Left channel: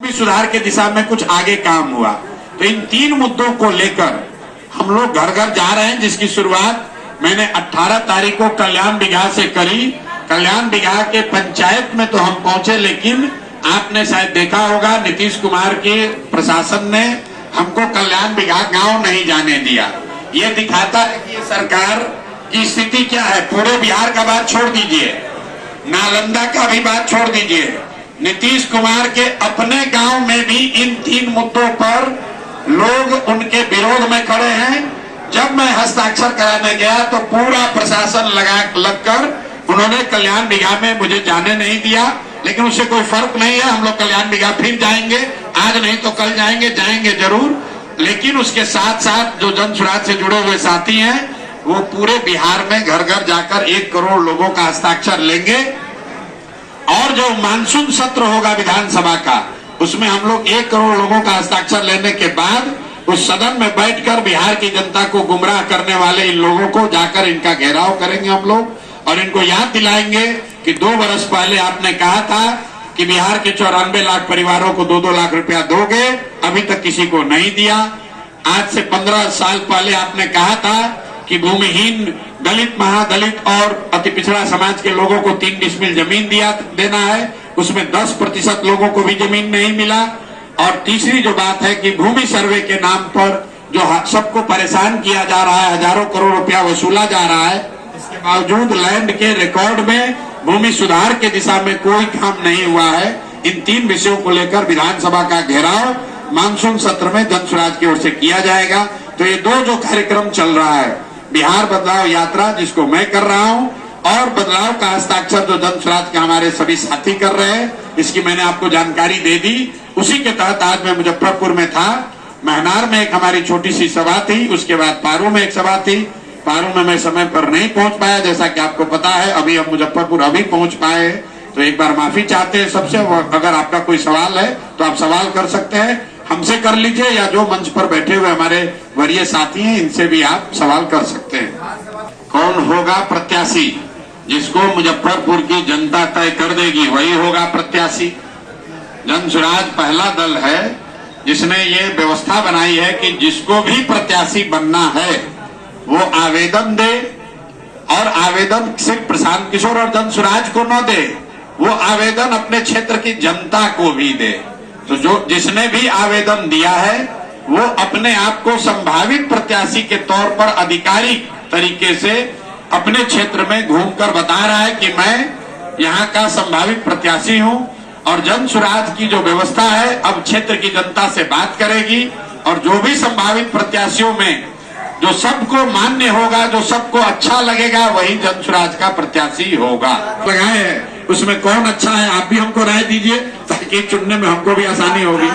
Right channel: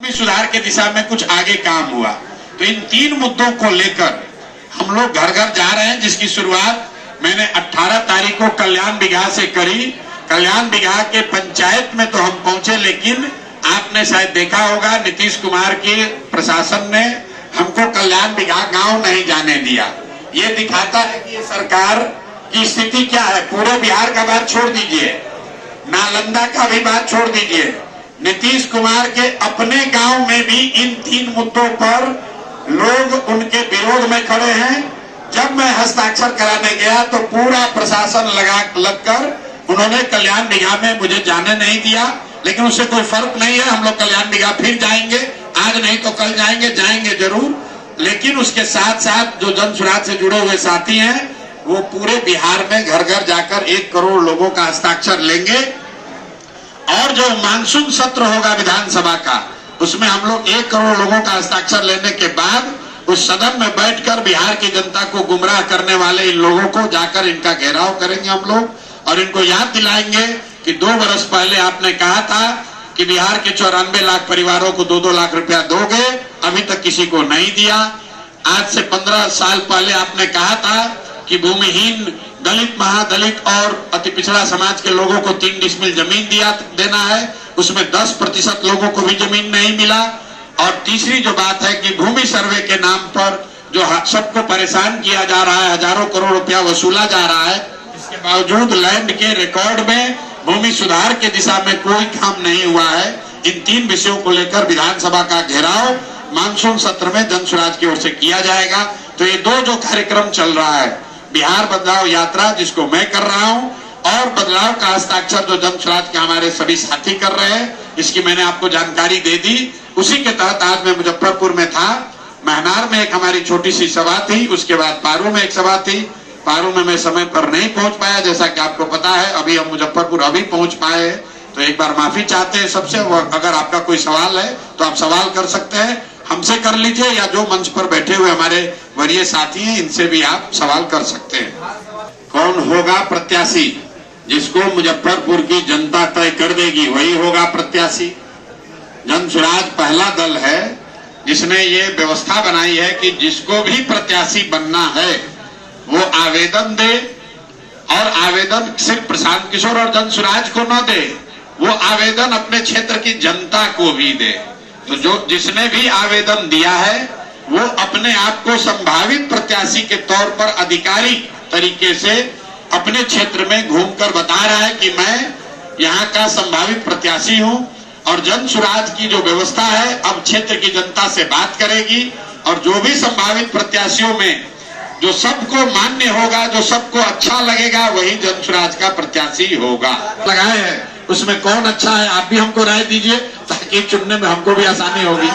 भी सुधार के दिशा में कुछ आगे काम हुआ। तो इन तीन मुद्दों को लेकर हम लोग घर घर जा रहे हैं, जिसकी शुरुआत मैंने 18 तारीख को कल्याण बिगहा से करी। कल्याण बिगहा के पंचायत में तो हम पहुंचे, लेकिन आपने शायद देखा होगा नीतीश कुमार के प्रशासन ने हमको कल्याण बिगहा गांव नहीं जाने दिया। ये दिखाता है कि ये सरकार की स्थिति क्या है। पूरे बिहार का बात छोड़ दीजिए, नालंदा का भी बात छोड़ दीजिए, नीतीश कुमार के अपने गांव में भी इन तीन मुद्दों पर लोग उनके विरोध में खड़े हैं। जब मैं हस्ताक्षर कराने गया तो पूरा प्रशासन लगकर उन्होंने कल्याण बिगहा में मुझे जाने नहीं दिया, लेकिन उससे कोई फर्क नहीं है। हम लोग कल्याण बिगहा फिर जाएंगे, आज नहीं तो कल जाएंगे जरूर। लेकिन उसके साथ साथ जो जन सुराज से जुड़े हुए साथी हैं वो पूरे बिहार में घर घर जाकर 1 करोड़ लोगों का हस्ताक्षर लेंगे। और जो मानसून सत्र होगा विधानसभा का, उसमें हम लोग 1 करोड़ लोगों का हस्ताक्षर लेने के बाद उस सदन में बैठकर बिहार की जनता को गुमराह करने वाले इन लोगों को जाकर इनका घेराव करेंगे हम लोग, और इनको याद दिलाएंगे कि 2 वर्ष पहले आपने कहा था कि बिहार के 94 लाख परिवारों को 2-2 लाख रुपया दोगे, अभी तक किसी को नहीं दिया। आज से 15 साल पहले आपने कहा था कि भूमिहीन दलित, महादलित और अति पिछड़ा समाज के लोगों को 3 डिसमिल जमीन देना है, उसमें 10% लोगों को भी जमीन नहीं मिला। और तीसरी जो बात है कि भूमि सर्वे के नाम पर जो सबको परेशान किया जा रहा है, हजारों करोड़ रुपया वसूला जा रहा है, इसके बावजूद लैंड के रिकॉर्ड में भूमि सुधार के दिशा में कोई काम नहीं हुआ है। इन 3 विषयों को लेकर विधानसभा का घेराव मानसून सत्र में जन सुराज की ओर से किया जाएगा। तो ये 2 जो कार्यक्रम चल रहा है, बिहार बदलाव यात्रा जिसको मैं कर रहा हूं, और बदलाव का हस्ताक्षर जो जन सुराज के हमारे सभी साथी कर रहे हैं, इसकी मैंने आपको जानकारी दे दी। उसी के तहत आज मैं मुजफ्फरपुर में था। महनार में एक हमारी छोटी सी सभा थी, उसके बाद पारू में एक सभा थी। पारू में मैं समय पर नहीं पहुंच पाया, जैसा कि आपको पता है। अभी हम मुजफ्फरपुर अभी पहुंच पाए, तो एक बार माफी चाहते हैं सबसे। अगर आपका कोई सवाल है तो आप सवाल कर सकते हैं, हमसे कर लीजिए, या जो मंच पर बैठे हुए हमारे वरीय साथी हैं इनसे भी आप सवाल कर सकते हैं। कौन होगा प्रत्याशी? जिसको मुजफ्फरपुर की जनता तय कर देगी वही होगा प्रत्याशी। जन सुराज पहला दल है जिसने ये व्यवस्था बनाई है कि जिसको भी प्रत्याशी बनना है वो आवेदन दे, और आवेदन सिर्फ प्रशांत किशोर और जन सुराज को न दे, वो आवेदन अपने क्षेत्र की जनता को भी दे। तो जो जिसने भी आवेदन दिया है वो अपने आप को संभावित प्रत्याशी के तौर पर आधिकारिक तरीके से अपने क्षेत्र में घूमकर बता रहा है कि मैं यहाँ का संभावित प्रत्याशी हूँ। और जन सुराज की जो व्यवस्था है, अब क्षेत्र की जनता से बात करेगी, और जो भी संभावित प्रत्याशियों में जो सबको मान्य होगा, जो सबको अच्छा लगेगा, वही जन सुराज का प्रत्याशी होगा। लगाए हैं उसमें कौन अच्छा है, आप भी हमको राय दीजिए ताकि चुनने में हमको भी आसानी होगी।